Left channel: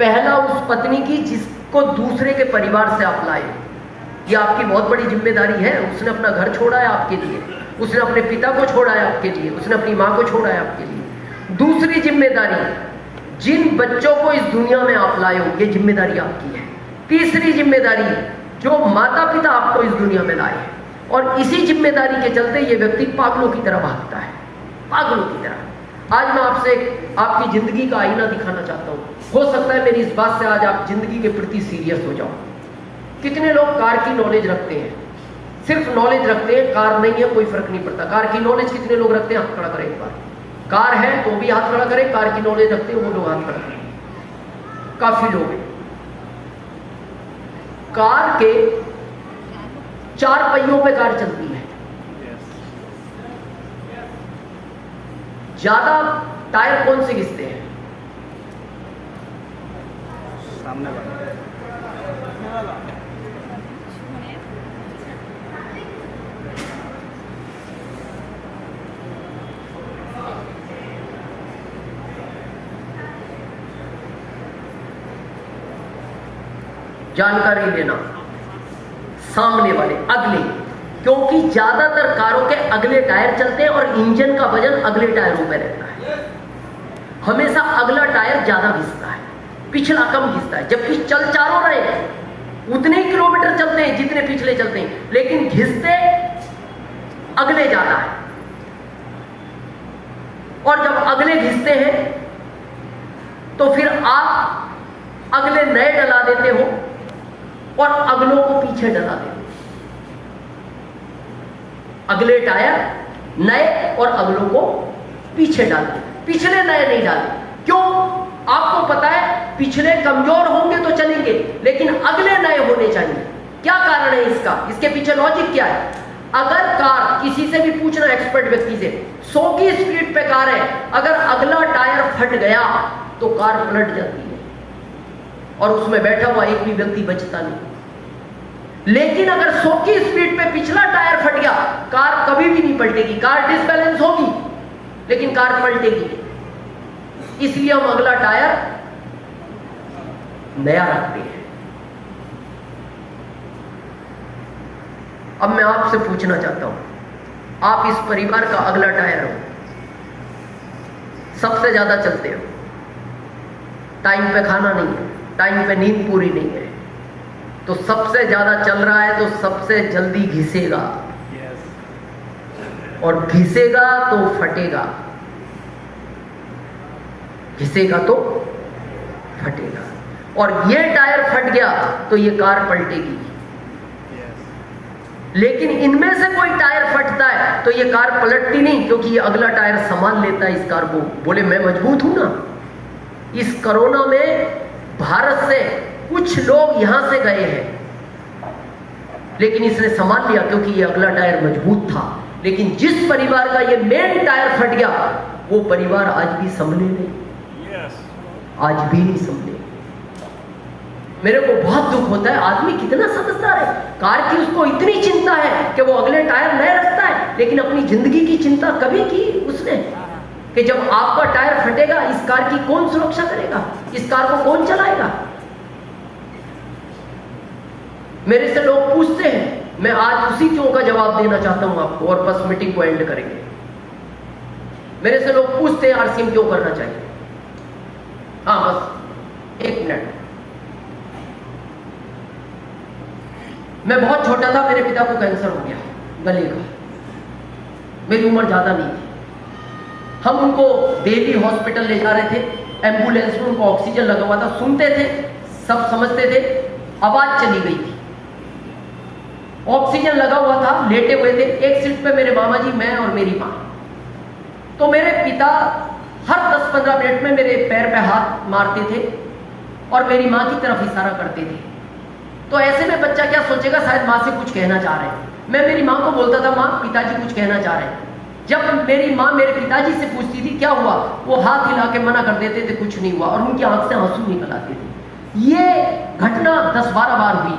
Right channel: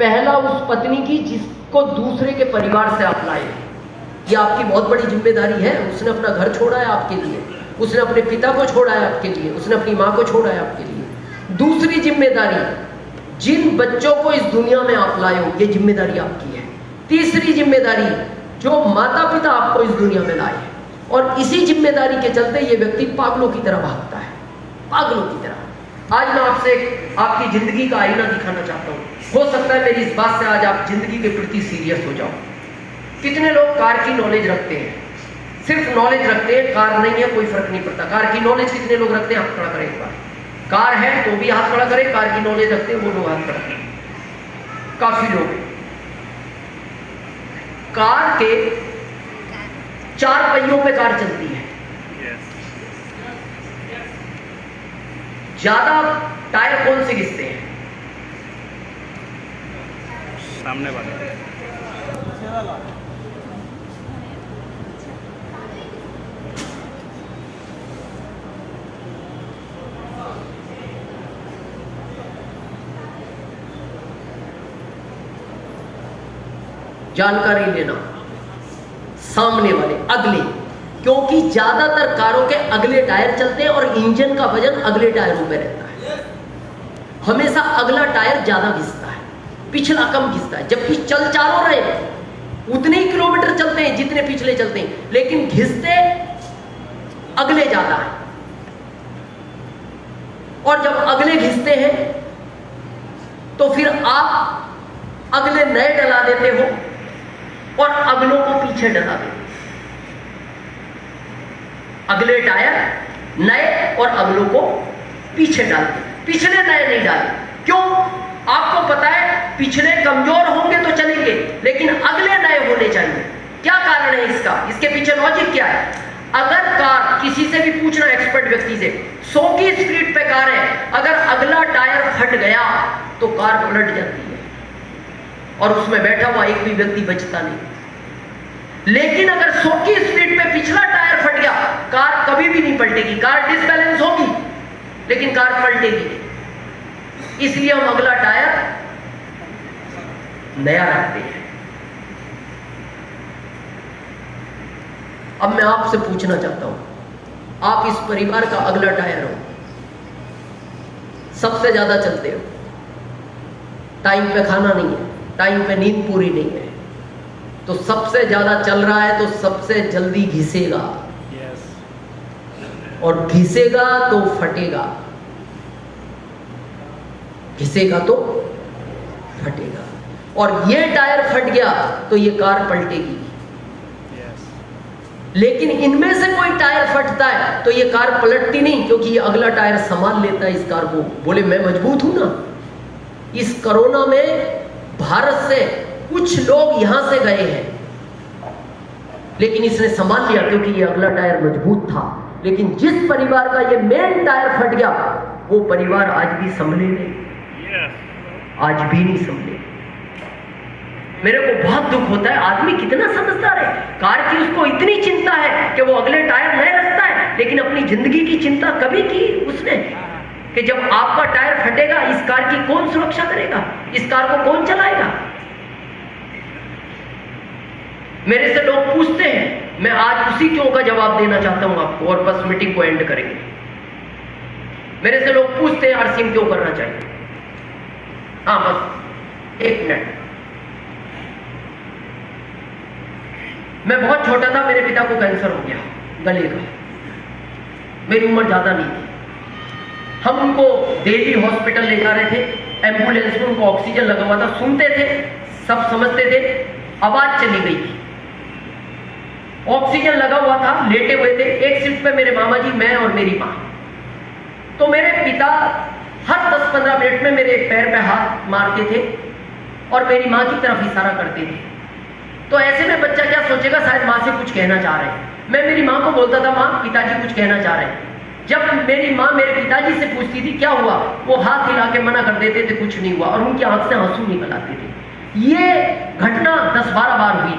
पहला उस पत्नी की जिसको दूसरे के परिवार से आप लाए। ये आपकी बहुत बड़ी जिम्मेदारी है। उसने अपना घर छोड़ा है आपके लिए, उसने अपने पिता को छोड़ा है आपके लिए, उसने अपनी माँ को छोड़ा है आपके लिए। दूसरी जिम्मेदारी, जिन बच्चों को इस दुनिया में आप लाए हो, ये जिम्मेदारी आपकी है। तीसरी जिम्मेदारी, जो माता पिता आपको इस दुनिया में लाए, और इसी जिम्मेदारी के चलते ये व्यक्ति पागलों की तरह भागता है, पागलों की तरह। आज मैं आपसे आपकी जिंदगी का आईना दिखाना चाहता हूँ। हो सकता है मेरी इस बात से आज आप जिंदगी के प्रति सीरियस हो जाओ। कितने लोग कार की नॉलेज रखते हैं, सिर्फ नॉलेज रखते हैं, कार नहीं है कोई फर्क नहीं पड़ता। कार की नॉलेज कितने लोग रखते हैं? हाथ खड़ा करें एक बार। कार है तो भी हाथ खड़ा करें। कार की नॉलेज रखते हैं वो लोग हाथ खड़ा करें। काफी लोग हैं। कार के 4 पहियों पे कार चलती है। ज्यादा टायर कौन से घिसते हैं? सामने वाले। जानकारी लेना, सामने वाले, अगले, क्योंकि ज्यादातर कारों के अगले टायर चलते हैं और इंजन का वजन अगले टायरों पे रहता है। हमेशा अगला टायर ज्यादा घिसता है, पिछला कम घिसता है। जबकि चल चारों रहे उतने ही किलोमीटर चलते हैं जितने पिछले चलते हैं, लेकिन घिसते अगले ज्यादा है। और जब अगले घिसते हैं तो फिर आप अगले नए डला देते हो और अगलों को पीछे डला देते। अगले टायर नए और अगलों को पीछे डालते, पिछले नए नहीं डालते। क्यों? आपको पता है पिछले कमजोर होंगे तो चलेंगे, लेकिन अगले नए होने चाहिए। क्या कारण है इसका? इसके पीछे लॉजिक क्या है? अगर कार, किसी से भी पूछना एक्सपर्ट व्यक्ति से, 100 की स्पीड पे कार है, अगर अगला टायर फट गया तो कार पलट जाती है और उसमें बैठा हुआ एक भी व्यक्ति बचता नहीं। लेकिन अगर 100 की स्पीड पे पिछला टायर फट गया, कार कभी भी नहीं पलटेगी। कार डिसबैलेंस होगी लेकिन कार पलटेगी। इसलिए हम अगला टायर नया रखते हैं। अब मैं आपसे पूछना चाहता हूं, आप इस परिवार का अगला टायर हो, सबसे ज्यादा चलते हो, टाइम पे खाना नहीं है, टाइम पे नींद पूरी नहीं है, तो सबसे ज्यादा चल रहा है तो सबसे जल्दी घिसेगा। और घिसेगा तो फटेगा, घिसेगा तो फटेगा। और ये टायर फट गया तो ये कार पलटेगी। लेकिन इनमें से कोई टायर फटता है तो ये कार पलटती नहीं, क्योंकि ये अगला टायर संभाल लेता है इस कार को। बोले मैं मजबूत हूं ना। इस कोरोना में भारत से कुछ लोग यहां से गए हैं, लेकिन इसने संभाल लिया क्योंकि ये अगला टायर मजबूत था। लेकिन जिस परिवार का ये मेन टायर फट गया, वो परिवार आज भी संभले नहीं, आज भी नहीं संभले। मेरे को बहुत दुख होता है, आदमी कितना समझदार है। कार की उसको इतनी चिंता है कि वो अगले टायर नए रखता है, लेकिन अपनी जिंदगी की चिंता कभी की उसने कि जब आपका टायर फटेगा इस कार की कौन सुरक्षा करेगा, इस कार को कौन चलाएगा। मेरे से लोग पूछते हैं, मैं आज उसी क्यों का जवाब देना चाहता हूं आपको, और बस मीटिंग को एंड करेंगे। मेरे से लोग पूछते हैं आरसीएम क्यों करना चाहिए। हाँ बस 1 मिनट। मैं बहुत छोटा था, मेरे पिता को कैंसर हो गया गले का। मेरी उम्र ज्यादा नहीं थी। हम उनको दिल्ली हॉस्पिटल ले जा रहे थे, एम्बुलेंस में उनको ऑक्सीजन लगा हुआ था, सुनते थे, सब समझते थे। आवाज चली गई थी, ऑक्सीजन लगा हुआ था, लेटे हुए थे। एक सीट पे मेरे मामा जी, मैं और मेरी माँ। तो मेरे पिता हर 10-15 मिनट में मेरे पैर पे हाथ मारते थे और मेरी माँ की तरफ इशारा करते थे। तो ऐसे में बच्चा क्या सोचेगा, शायद माँ से कुछ कहना चाह रहे हैं। मैं मेरी माँ को बोलता था, माँ पिताजी कुछ कहना चाह रहे हैं। जब मेरी माँ मेरे पिताजी से पूछती थी क्या हुआ, वो हाथ हिला के मना कर देते थे कुछ नहीं हुआ, और उनकी आंख से आंसू निकल आते थे। ये घटना 10-12 बार हुई।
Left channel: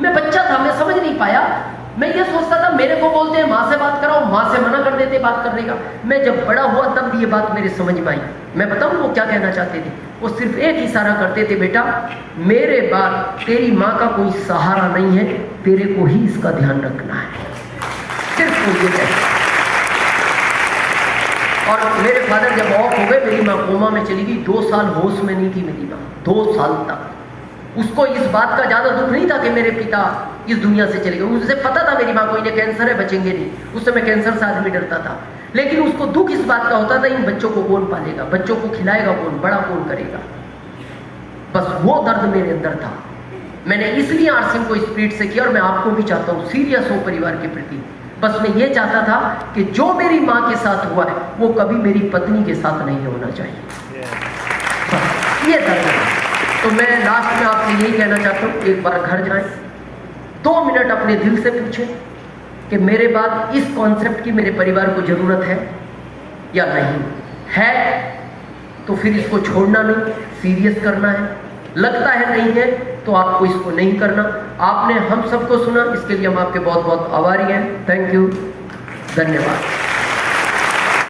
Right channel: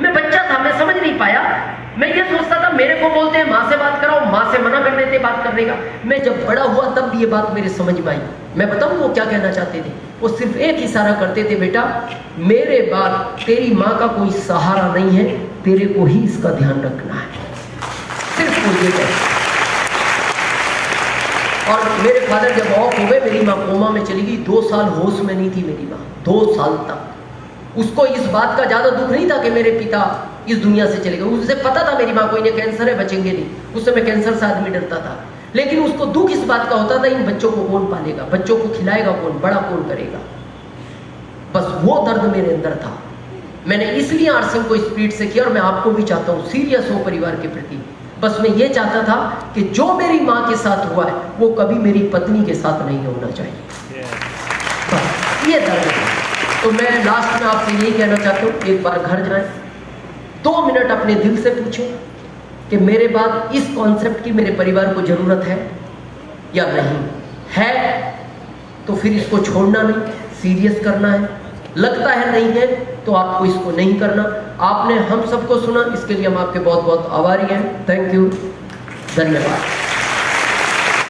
मैं बच्चा था, मैं समझ नहीं पाया। मैं ये सोचता था मेरे को बोलते हैं माँ से बात कराओ, माँ से मना कर देते बात करने का। मैं जब बड़ा हुआ तब ये बात मेरे समझ में आई। मैं बताऊं वो क्या कहना चाहते थे। वो सिर्फ एक इशारा करते थे, बेटा मेरे बाद तेरी माँ का कोई सहारा नहीं है, तेरे को ही इसका ध्यान रखना है, सिर्फ वो ये कहते। और मेरे फादर जब ऑफ हो गए, मेरी माँ कोमा में चली गई, 2 साल होश में नहीं थी मेरी माँ, 2 साल तक। उसको इस बात का ज़्यादा दुख नहीं था कि मेरे पिता इस दुनिया से चले गए, उसे पता था मेरी माँ को इन्हें कैंसर है, बचेंगे नहीं। उस समय कैंसर से आदमी डरता था, लेकिन उसको दुख इस बात का होता था इन बच्चों को कौन पालेगा, बच्चों को खिलाएगा कौन, बड़ा कौन करेगा। बस वो दर्द मेरे अंदर था। मैंने इसलिए आरसिंह को स्पीड से किया, और मैं आपको भी चाहता हूँ सीरियस हो परिवार के प्रति। बस मैं ये चाहता था कि जो मेरी माँ के साथ हुआ है वो कभी मेरी पत्नी के साथ नहीं होना चाहिए। बस ये दर्द है। तो मैं लास्ट में आपसे यही कहना चाहता हूँ, एक बार घर जाएं, 2 मिनट अपने दिल से पूछें कि मेरे बाद इस कॉन्सेप्ट की मेरे परिवार को जरूरत है या नहीं है, तो फिर इसको छोड़ना नहीं, सीरियस करना है। लगता है नहीं है तो आपको इसको नहीं करना। आपने हम सबको सुना, इसके लिए हम आपके बहुत बहुत आभारी हैं। थैंक यू, धन्यवाद।